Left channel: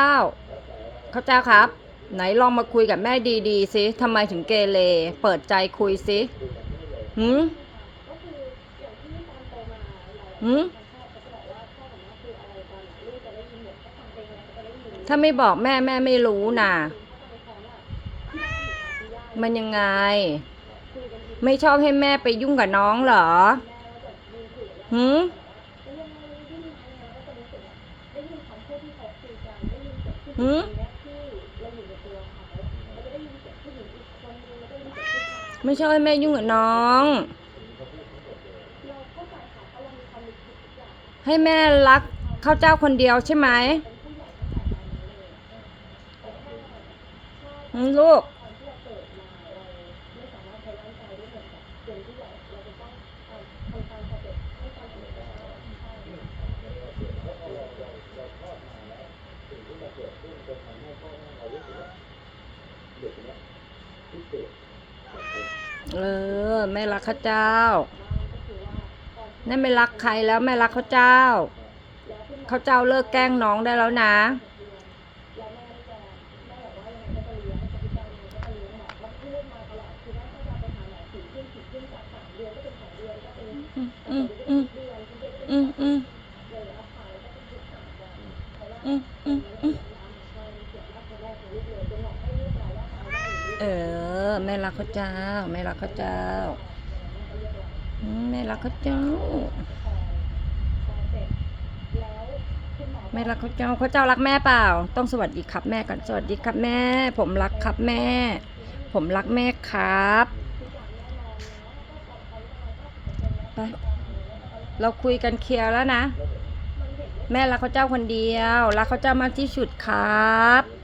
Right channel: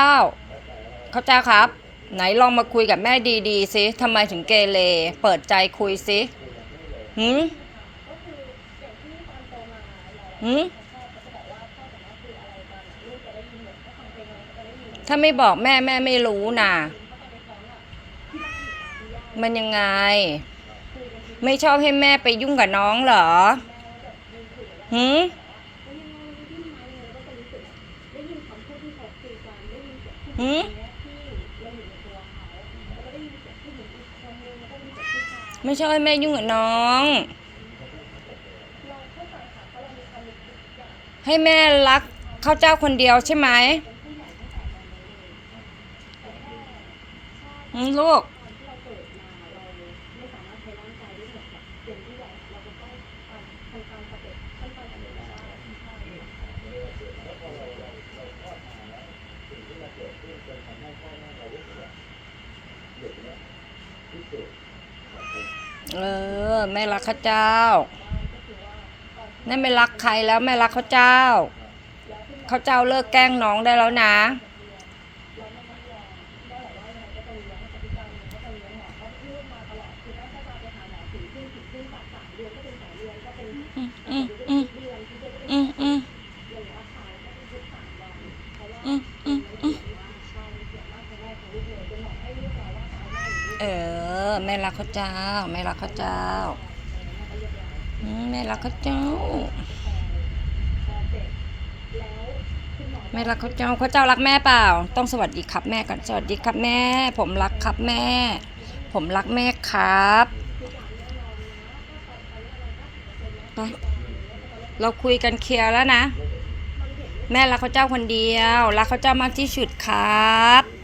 เจ้าเขาเจ้าครับ ไหนลองมาคุยกับแม่ดีๆสิทำไมถึงเกเรเปิดใจคุยสิหืมหืมถ้าไม่บอกแม่แม่ไม่รู้น่ะมันยังไง ไม่ชอบให้แม่ไปยุ่งกับน้องเหรอหืม หืมไม่ใช่แม่ยุ่งกับน้อง ให้แม่รักข้าวเจ้าคนเดียวใช่ไหมหืมลูก เออแม่รักข้าเจ้านั่นไม่รักใครแล้วแม่รักข้าเจ้าข้าเจ้าเลิกแกล้งน้องได้แล้วนะ อืมอืมอืมอืมอืมอืมอืมอืม เออ แม่รักข้าเจ้า แม่รักข้าเจ้าแม่รักข้าเจ้า แม่รักข้าเจ้าข้าเจ้ารักแม่เปล่า ต้องสวัสดีครับแม่ก่อนสวัสดีครับแม่ ผมรักครับแม่ ผมรักแม่ครับไปเราคุยกันเคลียร์แล้วนะ แม่รักข้าเจ้าคนเดียว รักข้าเจ้ามากที่สุดครับ